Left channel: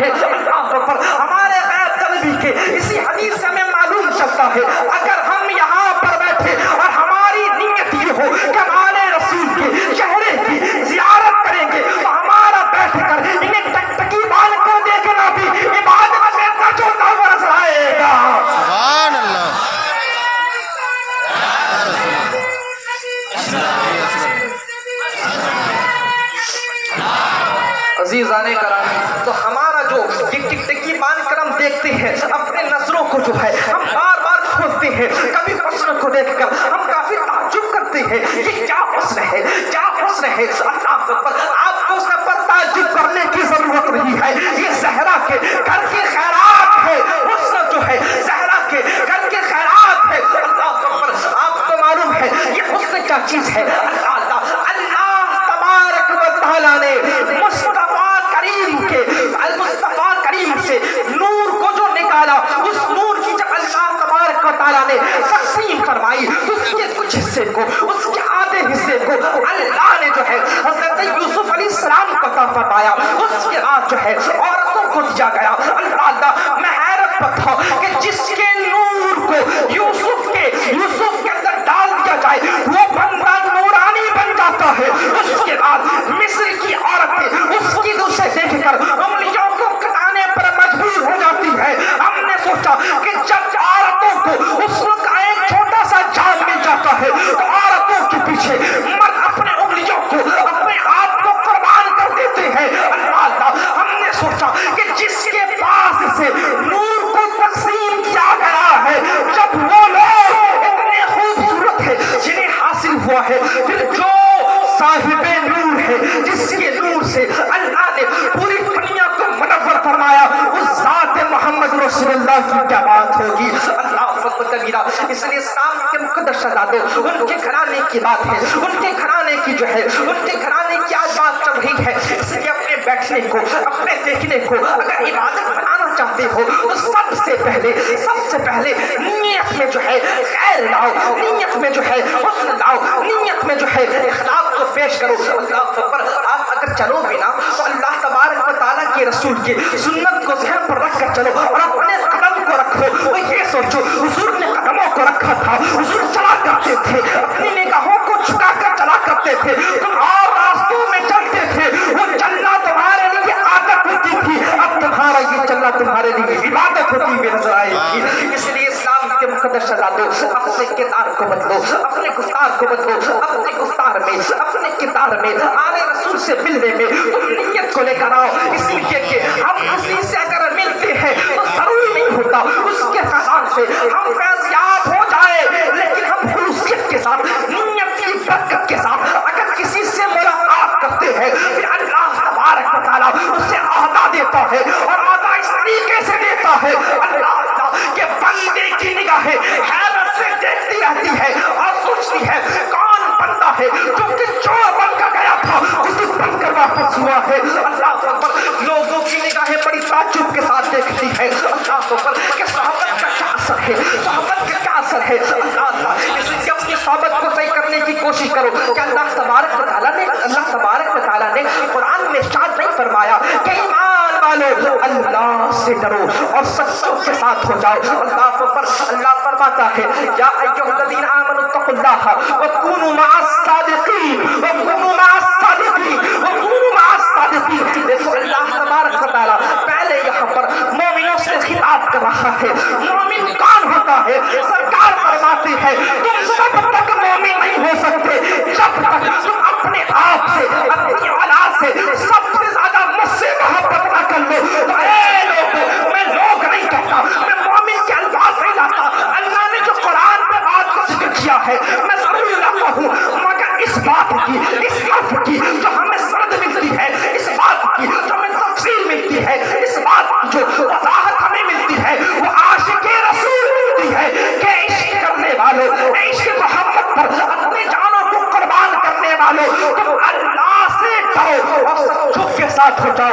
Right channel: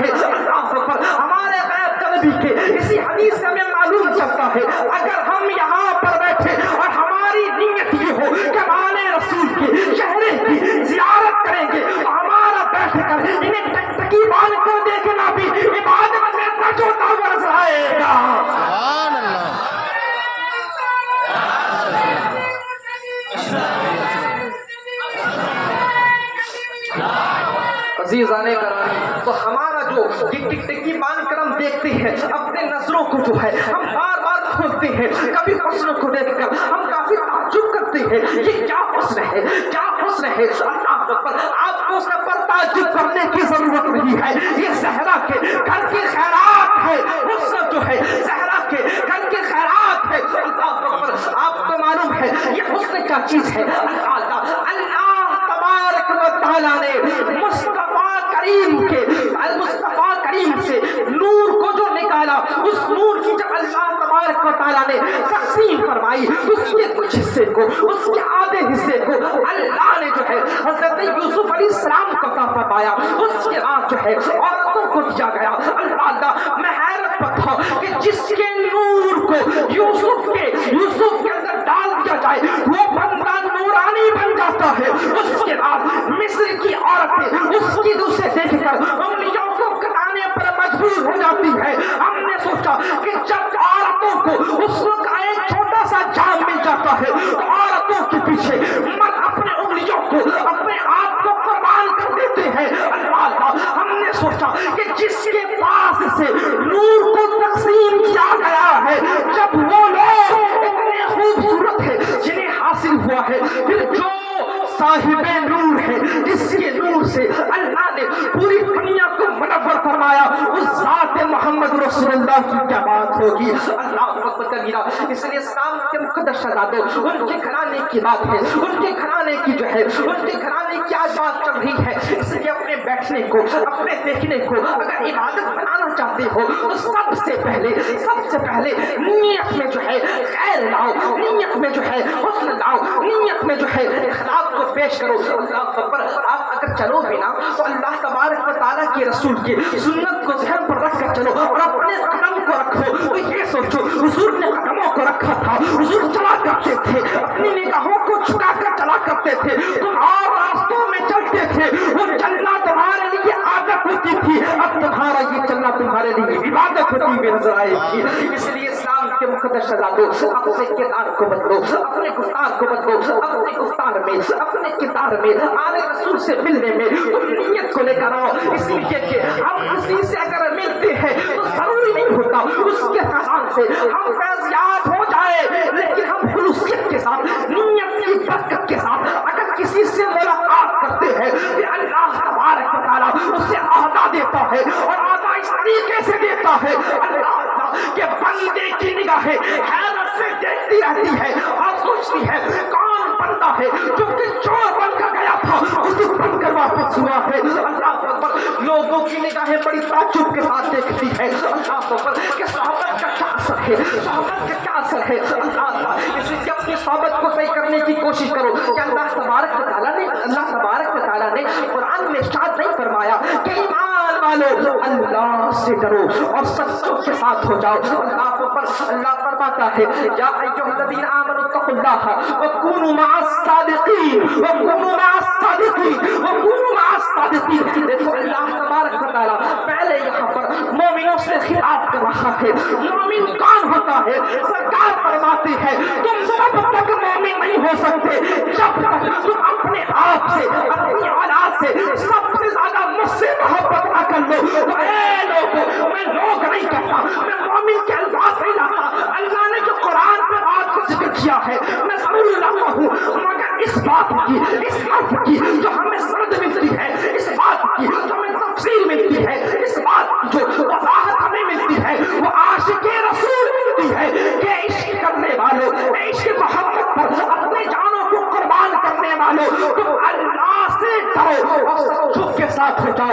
ہے. اللہ اکبر. ہمارے غیب طلبی کے اسی حدیث سے ہمیں معلوم چلتا ہے اگر ہم یہاں پر بیٹھے اور ہماری نیت یہ ہو کہ ہمارے رسول کے چہرے کی زیارت کریں گے تو ہمارا بیٹھ کر انہیں ٹکٹکی بال کو دیکھنا بھی عبادت میں تجھوتا برس آئے گا. سبحان اللہ. عزیزان کرامی, تو ہمارا جو ٹکٹکی مان کر ہم دیکھتے ہیں اپنے نظروں کو جو ہے ہم بار بار کھولتے ہیں, کبھی حسن کو دیکھ کر ہم کافی تعجب کرتے ہیں یہ کیا حسن ہے, کیا حسن ہے. آپ کو سب پر تعجب کرنے کی ضرورت نہیں ہے, یہ زہرا کے گھر کی خیرات ہے. حسن جو ہے زہرا کے گھر کی خیرات ہے. اللہ اکبر. آپ کو معلوم ہے یہ حسن کیا چیز ہے. اللہ تبارک و تعالیٰ نے مصطفیٰ کریم سے نور کو جو نکالا, اس نور کی جب اللہ تبارک و تعالیٰ نے تقسیم فرمائی, اس کے کچھ حصے کو, اس کے آدھے حصے کو اللہ نے جو ہے حضرت یوسف علیہ السلام کو عطا فرمایا. اس کے بعد جو ہے عورتوں کو دیا گیا. اللہ میں حیرت پر تھا کہ جس کے نور کو یوسف کے اندر ڈال دیا جائے وہ بندہ نورانی بن جاتا ہے. اس کے بعد مصر کی عورتیں اس کی اسے دیکھ کر انگلیوں کو کٹانے پر مجبور ہو جاتی ہے. ہم نے سوچا کہ جب عورتوں کو اس وقت ایک چھوٹا سا جام مل جاتا ہے تو عورتوں کے پیچھے مرد اپنے انگلیوں کو, اپنے آپ کو قربان کر دیتے ہیں. اللہ, ہم نے سوچا کہ جس کے پاس سے نور کو تقسیم کیا گیا ہے, جب وہ لوگ اتنے خوبصورت ہے جنہیں حاصل ہوا ہے, پھر جو صاحب نور ہے جس کے نور سے اللہ نے پوری دنیا کو منور فرمایا, اس ذات محمد رسول اللہ کی کیا بات ہوگی. اللہ اکبر کبیرہ. اس لیے اسلام کے مقدس شہزادوں, ان کے گھرانے کی بات ہے, ان کے گھرانے کی جو ہے ان کے گھرانے کی آج بات چل رہی ہے. اس لیے اپنے بیٹھنے کو, اپنے دیکھنے کو اگر عبادت بنانا چاہتے ہو تو سب سے پہلے نیت میں جو ہے خیر لاؤ, نیت میں جو ہے حسن لاؤ, نیت میں جو ہے اخلاق کو پیش کرو. اللہ اکبر. آپ اگر چلو بھی نا تو اللہ تبارک و تعالیٰ کے رسول کی سنت کو ذہن پر رکھ کر چلو اور اپنے قدم کو رکھو. تو یہ سوچو حضور نے قدموں کو رکھا تھا, حضور چلا کرتے تھے, اپنی نگاہوں کو جھکا کر چلا کرتے تھے, تم اور راستوں میں چلتے تھے, وہ چلنا تمہارے لیے عادت ہوتی تھی, اب تمہارا یہ چلنا تمہارے لیے عبادت ہوتی ہوئی نظر آئے گی. اس لیے اسلام کے مقدس شہزادوں, اپنے کردار کو بدلو, اپنے گفتار کو بدلو, اپنے گفتار میں, اپنے کردار میں آل رسول سے ملنے میں تم نیت کو لے کر آؤ. اس لیے کہ ہم کسی سے اگر ملتے ہیں تو ضروری نہیں ہوتا اس کے فیضان سے ہم فیضیاب ہو جائے, لیکن ہم خلوصیت کے ساتھ, نیت کی برکت کے ساتھ اگر کسی سے ملاقات کرتے ہیں پھر اللہ تبارک و تعالیٰ اسے عہدہ دیتا ہے, اور عہدہ اس طریقے سے دیتا ہے اللہ کہ بندے کی نگاہیں حیرت سے دیکھتی رہتی ہے اور سوچتی ہے کون بندہ ہے جو کہ چور بن کر گیا تھا اسے بن کر واپس ہوا ہے. اللہ اکبر. لوگوں کی نگاہیں بڑی تعجب کے ساتھ دیکھتی ہے اللہ اکبر کہ صحابت کا کیا اثر ہے, صحابت کا کیا اثر ہے. اللہ, اس لیے اپنی صحابت کو صحیح کرنے کی کوشش کرو کہ اللہ تبارک و تعالیٰ نے قرآن میں ارشاد نہیں فرمایا کہ ایمان والو اللہ سے ڈرو اور سچوں کے ساتھ ہو جاؤ. اللہ اکبر. اللہ فرماتا ہے یا ایھا الذین آمنوا اتقوا اللہ وکونوا مع الصادقین, وکونوا مع الصادقین, وکونوا مع الصادقین. دیکھو اللہ تبارک و تعالیٰ پہلے یہاں پر مومنوں سے خطاب کر رہا ہے. مومن کون ہوتا ہے؟ سرکار فرماتی ہے تم سب تک مومن نہیں ہو سکتے جب تک تم اپنے آپ سے, اپنی اولاد سے سب سے زیادہ مجھ سے محبت نہ کر لو. تو اے لوگوں, میں لوگ نہیں کہتا, میں مومن کے الفاظ نہیں لاتا. اللہ نے جو قرآن میں بات کو ذکر کیا ہے میں ضرور لاتا ہوں, مگر اس بات کی, اس حرف کی جو ہمیں سند ملتی ہے, اس بات کی جو ہمیں تفصیل ملتی ہے, اس بات کی جو وضاحت ہمیں ملتی ہے وہ عاشق رسول ملتی ہے کہ عشق کرنے والوں, عشق محمد پر اپنے جانوں کو قربان کرنے والوں, تم اللہ سے ڈرو اور سچوں کے ساتھ ہو جاؤ.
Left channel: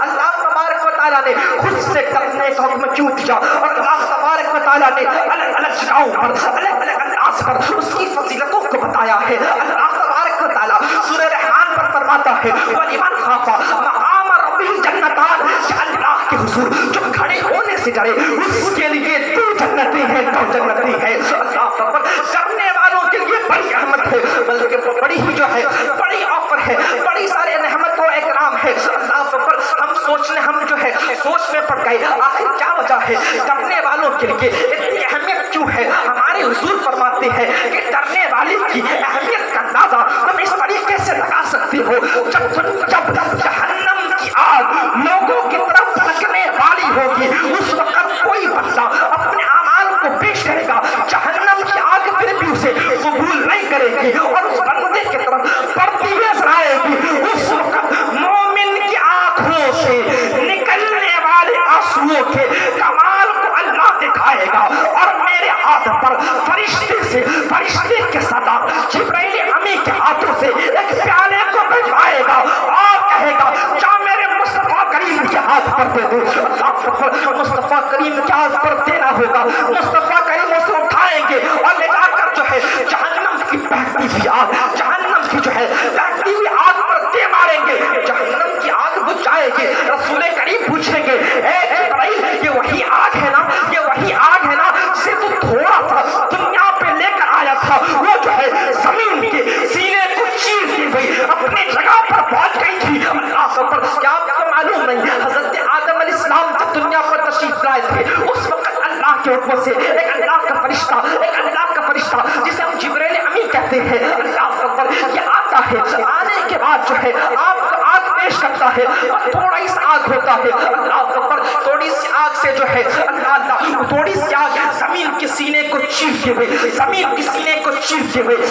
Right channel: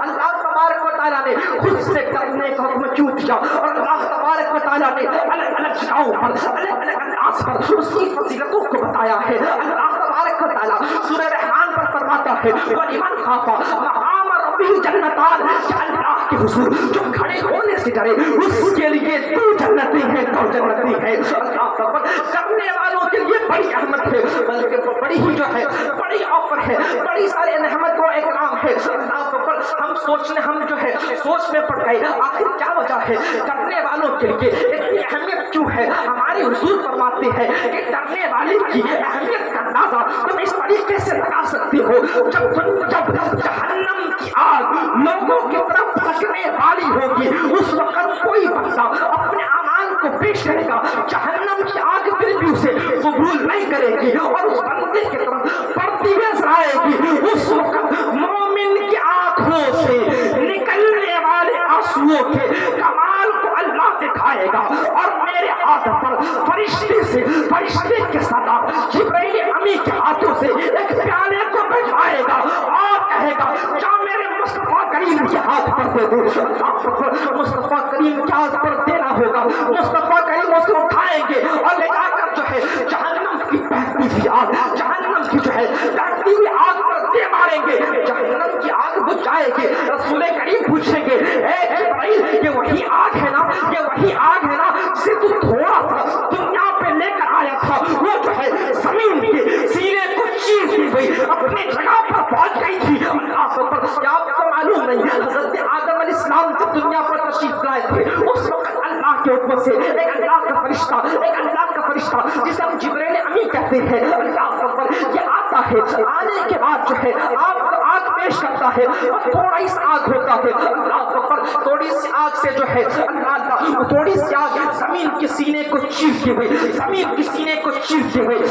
اللہ تبارک و تعالیٰ نے خود سے ڈرنے کا حکم کیوں دیا, اور اللہ تبارک و تعالیٰ نے الگ الگ جگہوں پر, الگ الگ انداز پر اس کی فضیلتوں کو بتایا ہے. اللہ تبارک و تعالیٰ سورہ رحمان پر فرماتا ہے وَلِمَنْ خَافَ مَقَامَ हाज़िही जन्नतान, कि अल्लाह के हुजूर जो खड़े होने से डरे उसके लिए दो जन्नतें हैं, दो जन्नतें हैं। अल्लाह अकबर। करने वालों के लिए बड़ी रहमत है, बल्कि बड़ी ही जो है बड़ी ऑफर है, बड़ी सारी रहमत और इकराम है। अल्लाह अकबर। हम सोचने हम जो है सोच में पड़ गए आखिर क्या वजह है डरने वालों के लिए इतनी अहमियत क्यों है। हमारे हुजूर फरमाते हैं कि डरने वाले की अहमियत का अंदाजा तुम इस तरीके से लगा सकते हो, जब जहन्नम की आग लोगों की तरफ भड़कने वाली होगी उस वक्त कोई बंदा अपने अमाल को पेश करेगा, जहन्नम की आग फिर भी उसे कबूल नहीं करेगी और उस बंदे की तरफ बढ़ती नजर आएगी। उस वक्त मोमिन की आंखों से निकलने वाले आंसुओं के कमाल को अल्लाह दिखाएगा और मेरे हाथ पर फरिश्ते के साथ जिब्राइल अमी के हाथों से एक प्याले को भिजवाएगा और कहेगा जा मेरे मुस्तफा करीम के हाथ पर दे दो। मुस्तफा करीम के हाथ पर देना होगा, मुस्तफा करीम उसे उठाएंगे और ले जाकर जो है जहन्नम की बहती हुई आग, जहन्नम की जो है बहती हुई आग पर दे मारेंगे, जहन्नम की आग बुझ जाएगी। रसूल करीम पूछेंगे ए जिब्राइल ये वही आग है ना, ये वही आग है ना जिसे तू थोड़ा सा दुनिया पे लेकर आया था, वो जो है जमीन के सीने को चीरती हुई अपनी जगह पर पहुंच गई थी। अल्लाह पर क्या आपको मालूम नहीं हजरत आदम अलैहिस्सलाम जब दुनिया पर तशरीफ लाए थे उस वक्त अल्लाह के हुक्म से एक अल्लाह का फरिश्ता जिसे हम जिब्राइल अमी कहते हैं, अल्लाह पर ये आता है, आने के बाद जो है आपको आग पेश करता है और थोड़ा सा आग होता है। अल्लाह पर थोड़ी सी आग से जो है अल्लाह थोड़ी सी आग जमीन के सीने को चीरते हुए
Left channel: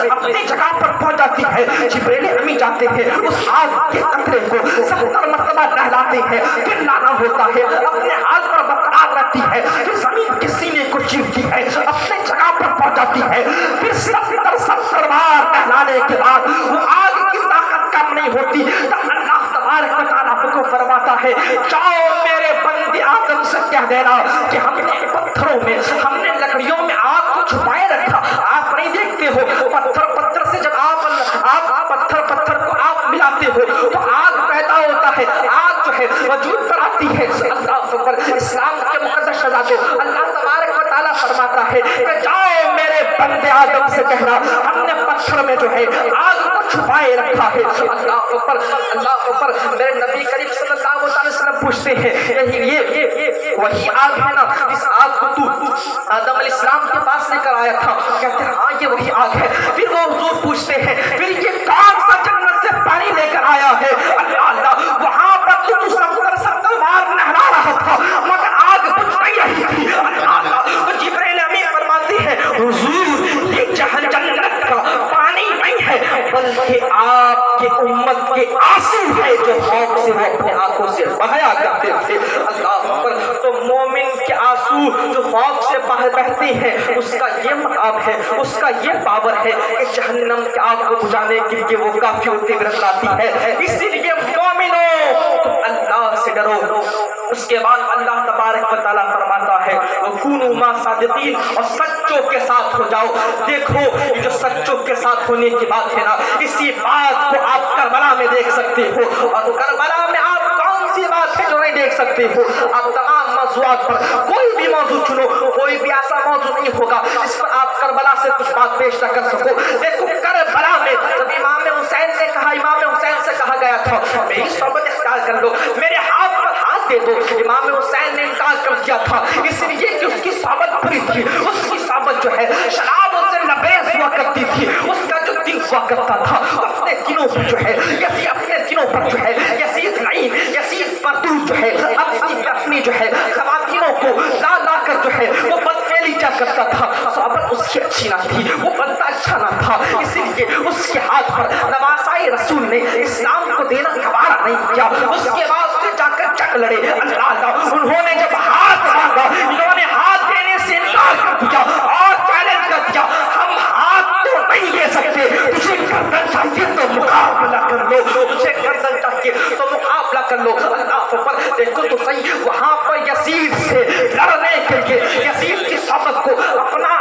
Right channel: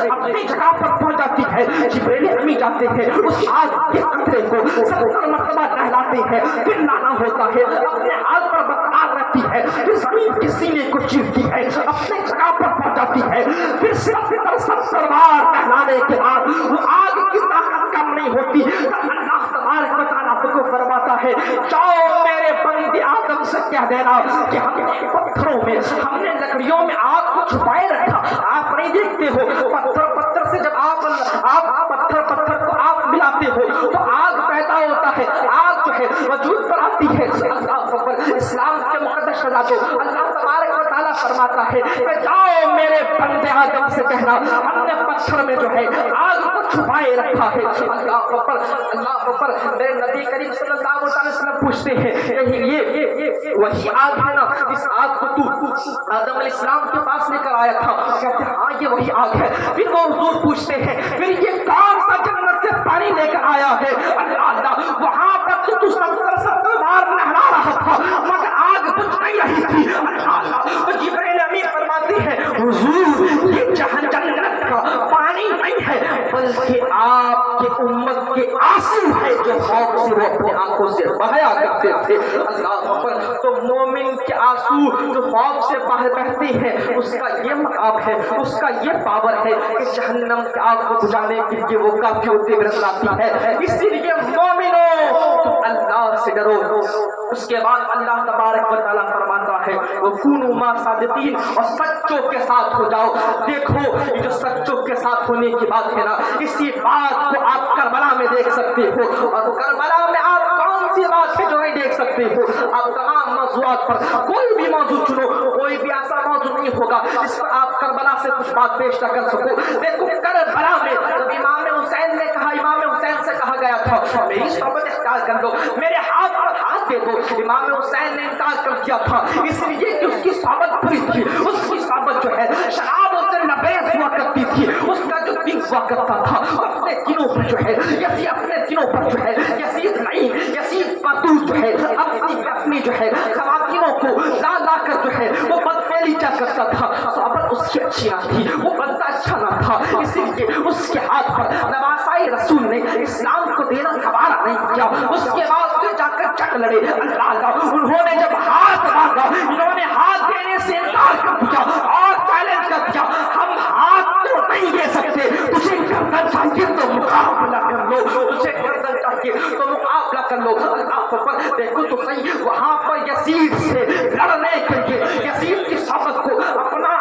अपनी जगह पर पहुंच जाती है। जिब्राइल अमी जाते हैं उस आग के कतरे को 70 मरतबा नहलाते हैं, फिर लाना होता है, अपने हाथ पर बरकरार रखती है, फिर जमीन के सीने को चीरती है, अपने जगह पर पहुंच जाती है, फिर 70 बार नहलाने के बाद वो आग की ताकत कम नहीं होती तब अल्लाह तबारक व तआला को फरमाता है जाओ मेरे बंदे आदम से कह देना कि हमने पत्थरों में हमने लकड़ियों में आग को छुपाए रखा। आप नहीं देखते हो पत्थर से जब आप पत्थर को आप मिलाते हो तो आग पैदा होता है, आग जो है वजूद पर आती है। अल्लाह इस्लाम के मुकद्दस शहजादों अल्लाह तबारक व तआला फरमाता है कि जाओ मेरे बंदे आदम से कहना हमने पत्थर में जो है आग को छुपाए रखा है। अल्लाह ऊपर मेरे नबी करीम सल्लल्लाहु अलैहि वसल्लम पूछते हैं ये वही आग है ना इस आग को तू आदम अलैहिस्सलाम के पास लेकर आया था? कहते हैं हाँ ये वही आग है। फिर वो हुजूर पूछते हैं फिर ये कौन सा जन्नत से पानी लेकर आया है? अल्लाह वहां पर तू 70 बार नहला रहा था मगर आग बुझ नहीं रही थी। अल्लाह तो जिब्राइल अमीन फरमाते हैं हुजूर ये जन्नत का पानी नहीं है बल्कि आपके उम्मत के आंसू है जो खौफ से वो अपने आंखों से बहाया करते थे। अल्लाह पर तो मोमिन के आंसू जो खौफ से बहते हैं उसका ये मकाम है, उसका ये पावर है कि जहन्नम की आग को बुझाने के लिए वो काफी तीव्रता लाती है। इसीलिए मोमिनो तुम अल्लाह से डरो। उसके बाद अल्लाह तबारक व तआला फरमाता है वो कुनु मा सादिकीन और सच्चों के साथ हो जाओ। देखो ये जो सच्चों के साथ होने की बात है ना इसी बात को आप करबला में देख सकते हो और करबला में आप कौन सी बात है जो नहीं देख सकते हो। आप तमाम मौजूआत पर कोई भी मौजू चुनो, कोई भी ऐसा मौजू नहीं होगा जिस पर आप करबला से कुछ बात पेश न कर सको। देखो करबला में जब इमाम हुसैन ने कहा, इमाम हुसैन से कहा गया था मेरी सोबत इख्तियार कर लो, मेरे हाथ पर हाथ दे दो। इमाम हुसैन ने इनकार कर दिया था इसलिए कि उसकी सोबत बुरी थी, उसकी सोबत जो है शराबों से लबरेज हुआ करती थी, उसका जो दिल हुआ करता था अपने दिनों पर जो है अपने दिनों पर जो है यसीद परदूस जो है अपनी जो है खवातीनों को ला कर जो है वो बदफेली क्या करता था। सोबत उसकी अच्छी ना थी, वो बंदा अच्छा ना था, इसीलिए उसके हाथ पर नवासाई रसूल ने इस्लाम को देना गवारा नहीं किया। उसके बाद उसने जाकर जंग लड़े। अल्लाह उन्होंने जब हाथ मांगा इन्होंने हाथ देने से इनकार कर दिया और चैलेंज कर दिया हम हाथ तो नहीं दे सकते, तुझे गर्दन चाहिए तो मुकाबला कर लो, तुझे गर्दन चाहिए तो मुकाबला कर लो। अल्लाह पर देखो तो सही वहां पर यजीद से लड़ने के लिए यजीद की सोबत को अपना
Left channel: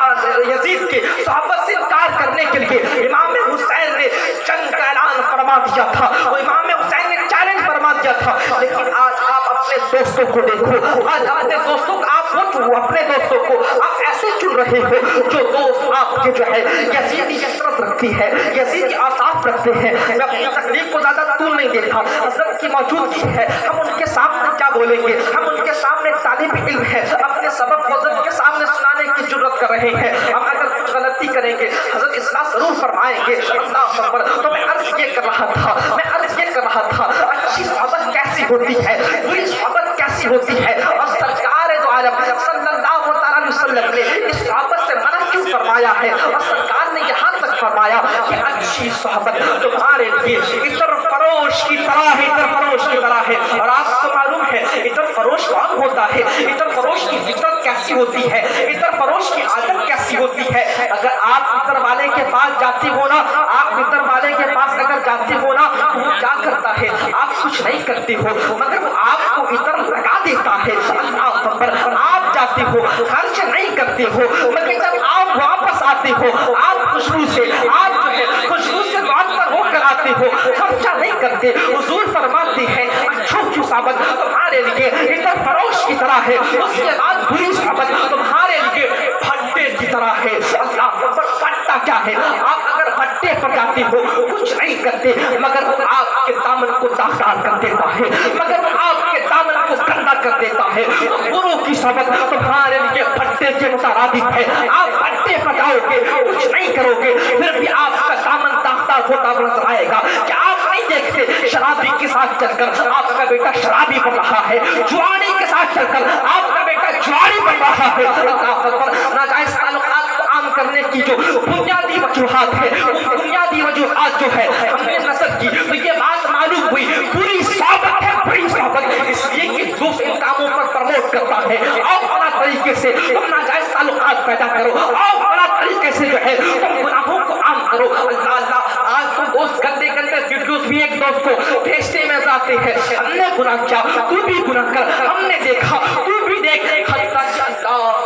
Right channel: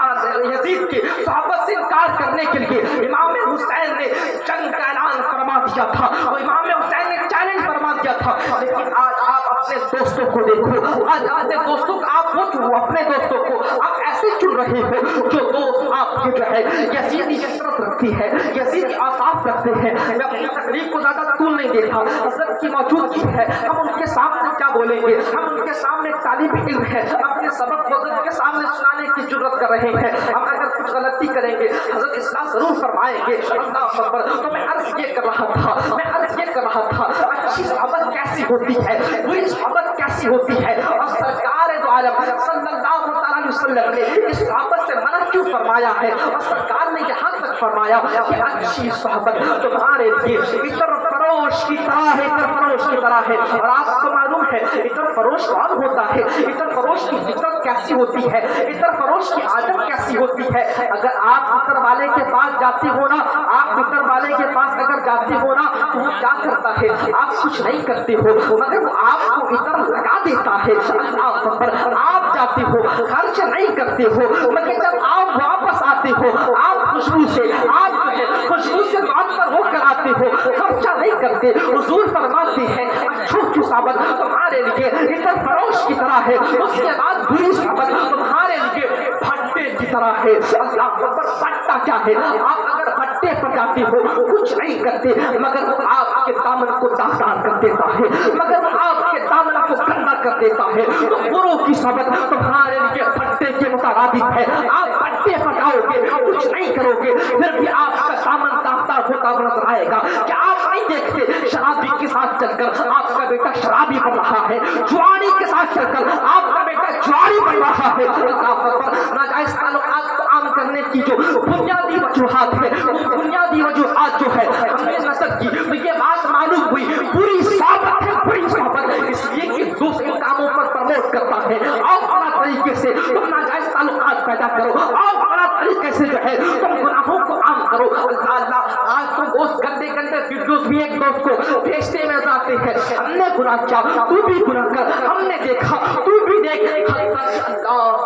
यजीद की सोबत से इनकार करने के लिए इमाम हुसैन ने जंग का ऐलान फरमा दिया था। इमाम हुसैन ने चैलेंज फरमा फरमा दिया था, लेकिन आज आप अपने दोस्तों को देखो, आज अपने दोस्तों को आप वो चुनो, अपने दोस्तों को आप ऐसे चुन रहे हो जो दोस्त आपके जो है यजीदी कसरत रखती है, यजीदी आसाफ रखते हैं। मैं अपनी तकलीफ को ज्यादा तूल नहीं देता, हजरत की मौजूदगी है, हम उनके सामने क्या बोलेंगे, हम उनके सामने तालिब इल्म है, अपने सबक हजरत के सामने सुनाने की जरूरत कर रहे हैं। हम अगर कुछ गलती करेंगे हजरत इस्लाह जरूर फरमाएंगे। अल्लाह अकबर। तो मैं अर्ज ये कर रहा था अच्छी सोहबत कैसी होती है, बुरी सोहबत कैसी होती है, और सरकार दो आलम सल्लल्लाहु अलैहि वसल्लम ने इस सोहबत से मना क्यों फरमाया है, और सरकार ने यहाँ तक फरमाया कि अच्छी सोहबत तुम्हारे लिए इतर फरोश की तरह है, इतर फरोश की तरह है। और आपको मालूम है इतर फरोश कौन होता है, इतर फरोश की फितरत कैसी होती है, इतर फरोश की आदत कैसी होती है। अगर आप इतर वाले के पास जाते हो ना, आप इतर वाले के पास अगर जाते हो ना, तो वो क्या करता है, आप कुछ नहीं करते हो मगर वो आपको इतर लगा देता है। अल्लाह अकबर। आप जाते हो, खर्च नहीं करते हो, मगर जब आप वापस आते हो आप खुशबू से, आप जो है खुशबू से बात पर हो कर आते हो, खर्चा नहीं करते। हुजूर फरमाते हैं अच्छों की सोहबत तुम्हारे लिए इतर फरोश की तरह है, उसके बाद बुरी सोहबत तुम्हारे लिए भट्टे की तरह है। अल्लाह अकबर। भट्टा क्या है, आप अगर भट्टे पर जाते हो कुछ नहीं करते, मगर वो आपके दामन को दागदार कर देता है, मगर वो आपके दामन को गंदा कर देता है। तो बुरों की सोहबत तुम्हारे लिए भट्टे के मुतारादिफ है। आप भट्टे पर जाओगे, कुछ नहीं करोगे, फिर भी आपका दामन दागदार होता नजर आएगा। क्या आप नहीं देखते शराबी के साथ चलकर आपका बेटा शराबी बन रहा है, जुआरी के साथ चलकर आपका बेटा जुआरी बन रहा है। अल्लाह अकबर। नाजायज ताल्लुकात को आम करने की जो बुनियादी वजूहात है, वो बुनियादी वजूहात जो है हमने नस्ल की, तो ये बात मालूम हुई बुरी सोहबत है, बुरी सोहबत इसलिए कि दोस्त इन कामों पर प्रमोट करता है। और बड़ा तरीके से तुम नाजायज ताल्लुकात पैदा करो, और बड़ा तरीके से जो है तुम गुनाहों को आम करो। अल्लाह अल्लाह। आज तो दोस्त गंदे गंदे वीडियोस भी एक दोस्त को भेजते में जाते हैं, हमने गुनाह किया तू भी गुनाह कर, हमने देखा तू भी देख। अल्लाह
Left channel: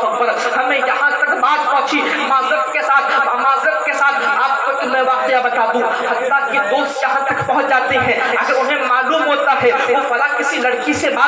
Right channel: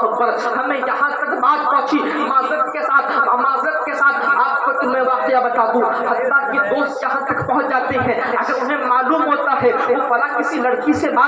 अकबर। हमें यहाँ तक बात पहुंची माजरत के साथ आपको तो मैं वाकया बता दूं, हत्ता कि दोस्त यहाँ तक पहुंच जाते हैं, अगर उन्हें मालूम होता है वो फला किसी लड़की से बात